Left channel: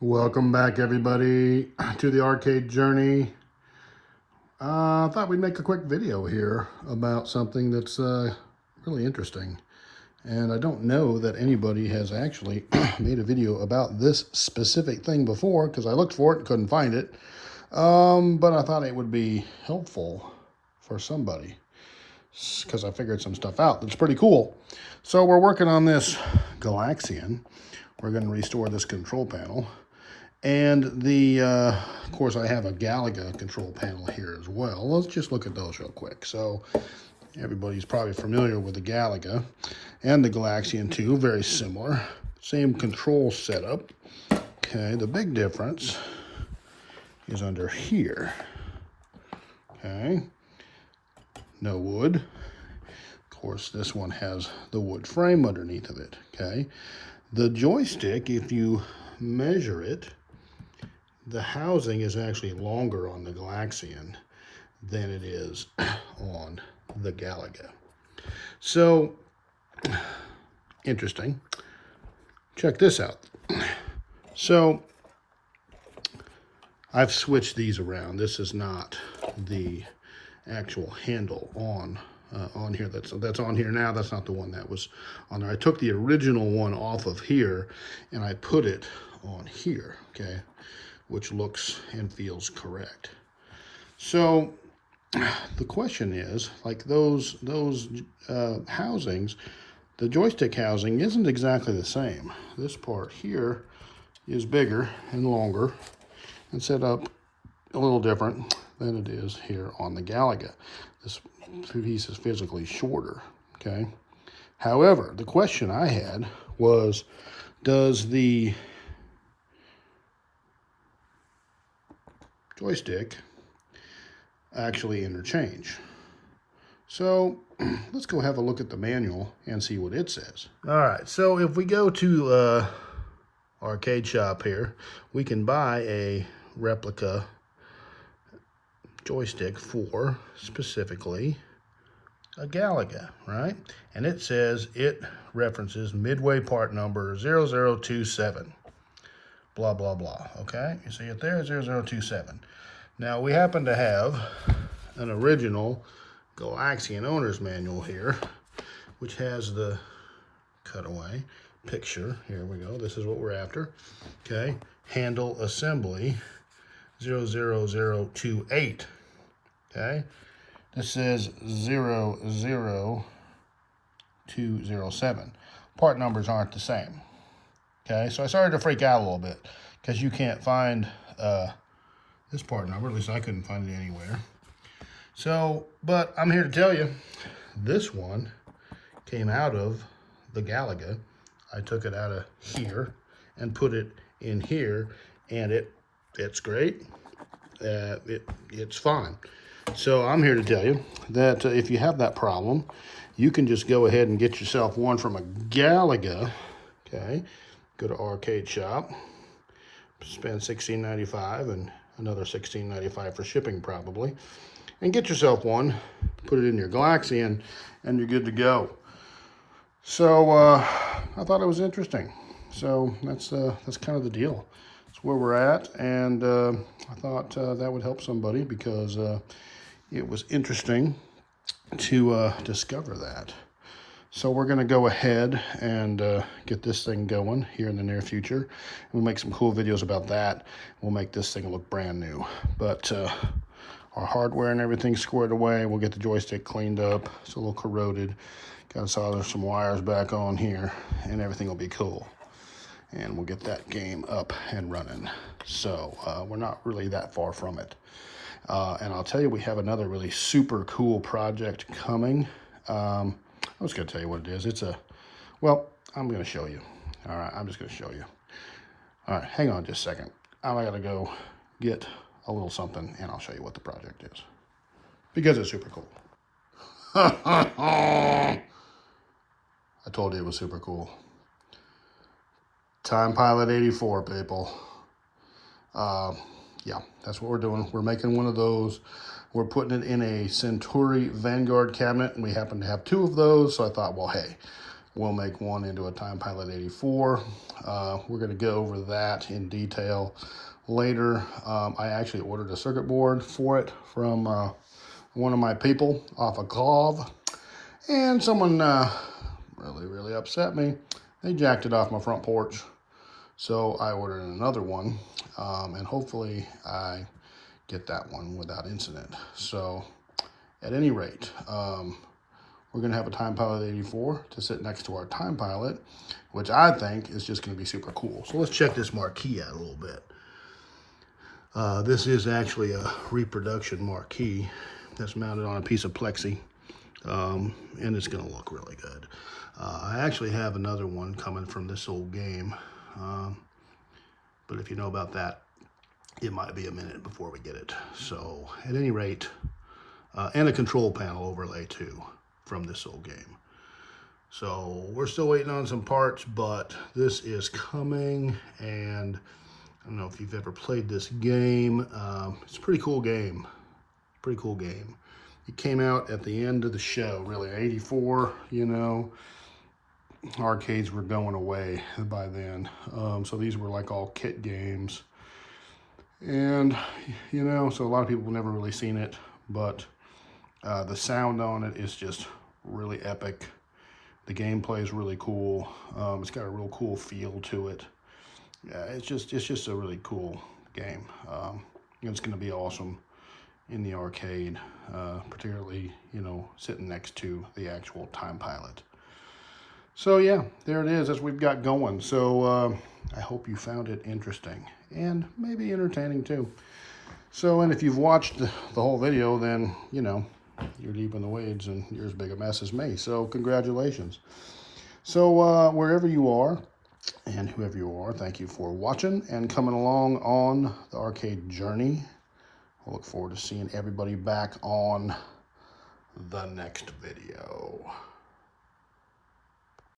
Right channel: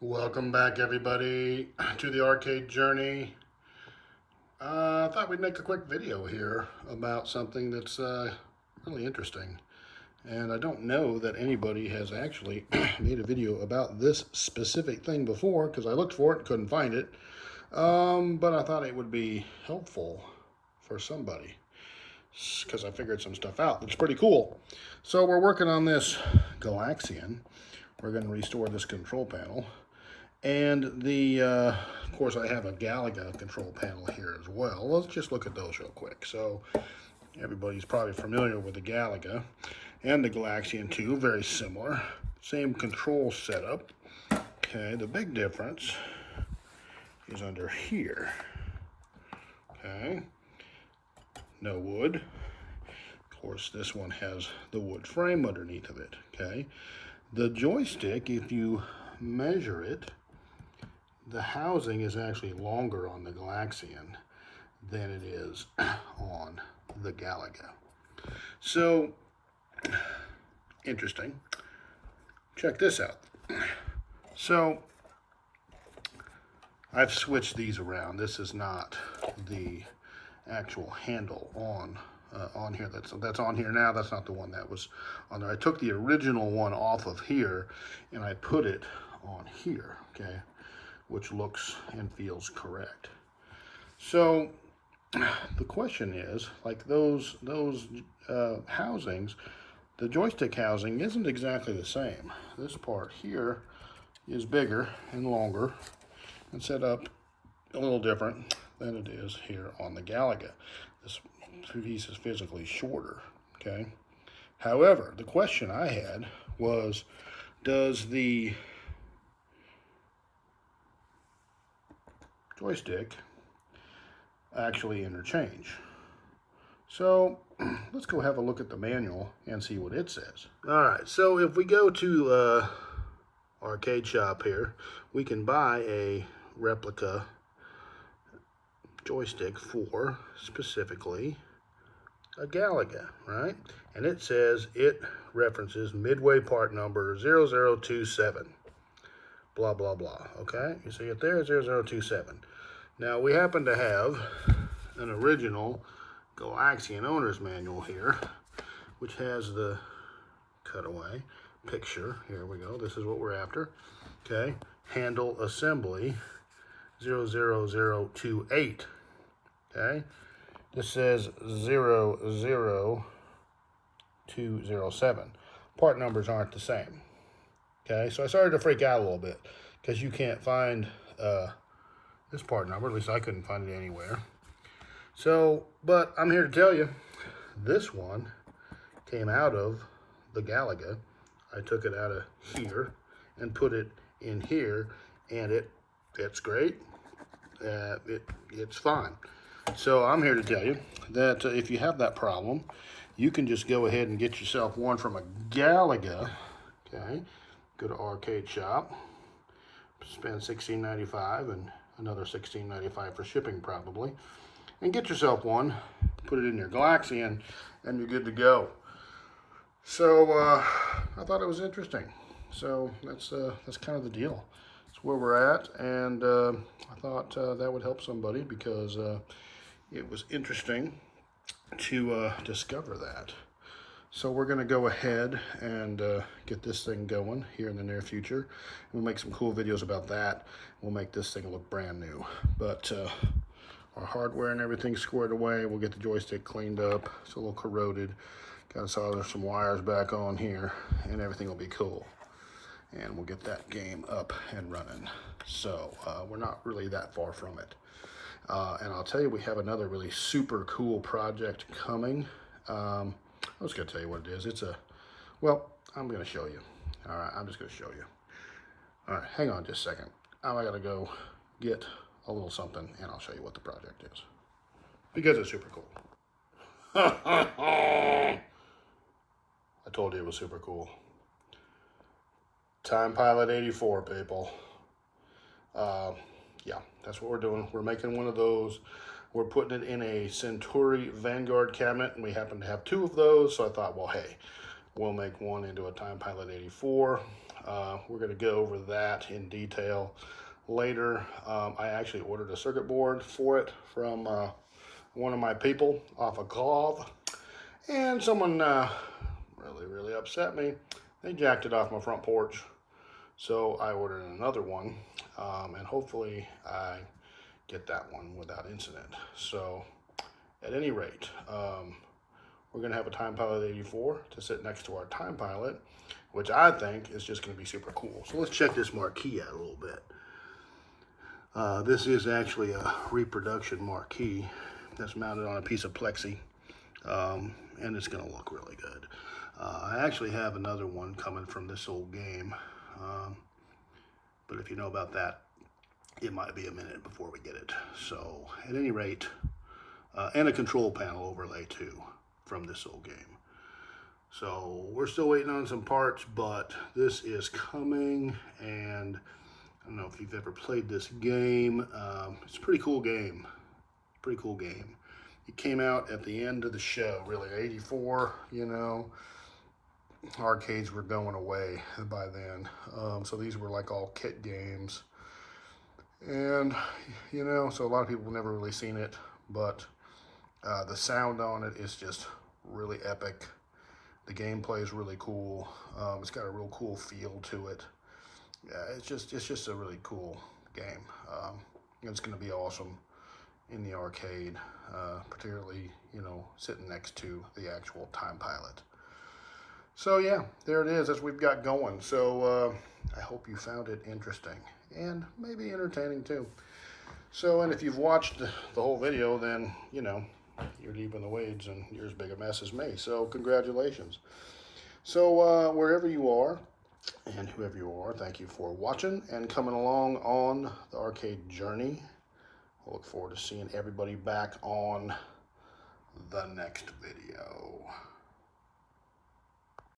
Welcome back, everybody, to the arcade journey. I thought we'd make a quick video here about something that's really interesting. And I don't know that anybody has actually made a video about this specific thing before because I looked for it and couldn't find it. But I thought it would be helpful for somebody because I figured some stuff out that's pretty cool. So we're working on this Galaxian. We're going to restore this control panel. And of course, I have a Galaga control panel here as well. Let's just look at those real quick. So everybody's probably familiar with the Galaga and the Galaxian 2, very similar. Same control setup. Okay, the big difference is under here. Okay, no wood. Of course, this one has the wood frame underneath of it. Okay, the joystick, if you measure it, the housing is actually longer on the Galaxian than it is on the Galaga. So, interesting. Check this out. So, I've switched these around. This is not the actual handle on here that's on here now. That's not the one that was on there. I took the original one off of here and I put it on here, okay, which looks and feels correct. So the question is, like those housings, the joystick housing isn't exactly the same. This part here is bigger and longer and set up a little different than it is here on the Galaga. This piece is physically shorter, okay? However, the question I had was, does the joystick actually interchange? So let's go have a look at the manual and see what it says. All right, so if we go to arcade shop here, we can buy a replica joystick for specifically a Galaga, right? And it says it references midway part number 0027. Blah, blah, blah, okay? You see it there, 0027. Now, we happen to have an original Galaxian owner's manual here, which has the cutaway picture. Here we go, this is what we're after, okay? Handle assembly 00028, okay? This says 00207. Part numbers aren't the same. Okay, so I started to freak out a little bit because you can't find this part number. At least I couldn't find it anywhere. So, but I'm here to tell you, this one came out of the Galaga. I took it out of here and put it in here, and it's great. It's fine. So I'm here to tell you that if you have that problem, you can just go ahead and get yourself one from a Galaga. Okay. Go to arcade shop, spend $16.95 and another $16.95 for shipping probably, and get yourself one, put it in your Galaxian, and you're good to go. So I thought it was interesting. So that's kind of the deal. That's where we're at, and I thought that would help somebody because it was interesting to discover that. So we're going to go ahead and get this thing going here in the near future. We'll make some cool videos about that. We'll make this thing look brand new. But our hardware and everything squared away. We'll get the joystick cleaned up. It's a little corroded. Got to solder some wires back on here, and everything will be cool. And we'll get that game up and running. So we're not really that far from it. And I'll tell you, we have another really super cool project coming. I was going to tell you what it is. Well, I'm going to show you. All right, I'm just going to show you. All right, hang on just a second. I got to go get a little something, and I'll show you what the project is. Because it's super cool. I told you it was super cool. Time Pilot 84, people. Yeah, that's what we're doing. We're making one of those. We're putting it in a Centauri Vanguard cabinet, and we happen to have two of those, so I thought, well, hey, we'll make one into a Time Pilot 84. We're going to go over that in detail later. I actually ordered a circuit board for it from one of my people off of Clove, and someone really upset me. They jacked it off my front porch, so I ordered another one, and hopefully I get that one without incident. So at any rate, we're going to have a Time Pilot 84 to sit next to our Time Pilot, which I think is just going to be super cool. So let's check this marquee out a little bit. This is actually a reproduction marquee that's mounted on a piece of plexi, and it's going to look really good. I actually have another one coming from this old game, but if you know about that, it might be a minute before we get it. So at any rate, and a control panel overlay too from this old game. So we're still waiting on some parts, but this is coming, and I don't know if you've ever played this game. It's a pretty cool game. Pretty cool game. It came out at the end of the show, really, 84, you know. Arcades were going away by then. So these were like all kit games. And, you know, so a lot of people have never really seen it, but the sound on it is just really epic. The gameplay is really cool. It's got a real cool feel to it. Yeah, it's just a really cool game. It's going to be awesome in the arcade, particularly, you know, sitting next to the actual Time Pilot. So yeah, there it is. That's what we've got going. So I hope you found it interesting and maybe entertaining too. So, and if you've watched the whole video, then, you know, you're deep in the weeds and you're as big a mess as me. So congratulations. So wherever you are and whoever you are, thank you for watching and coming along on the arcade journey. I look forward to seeing everybody back on the next video.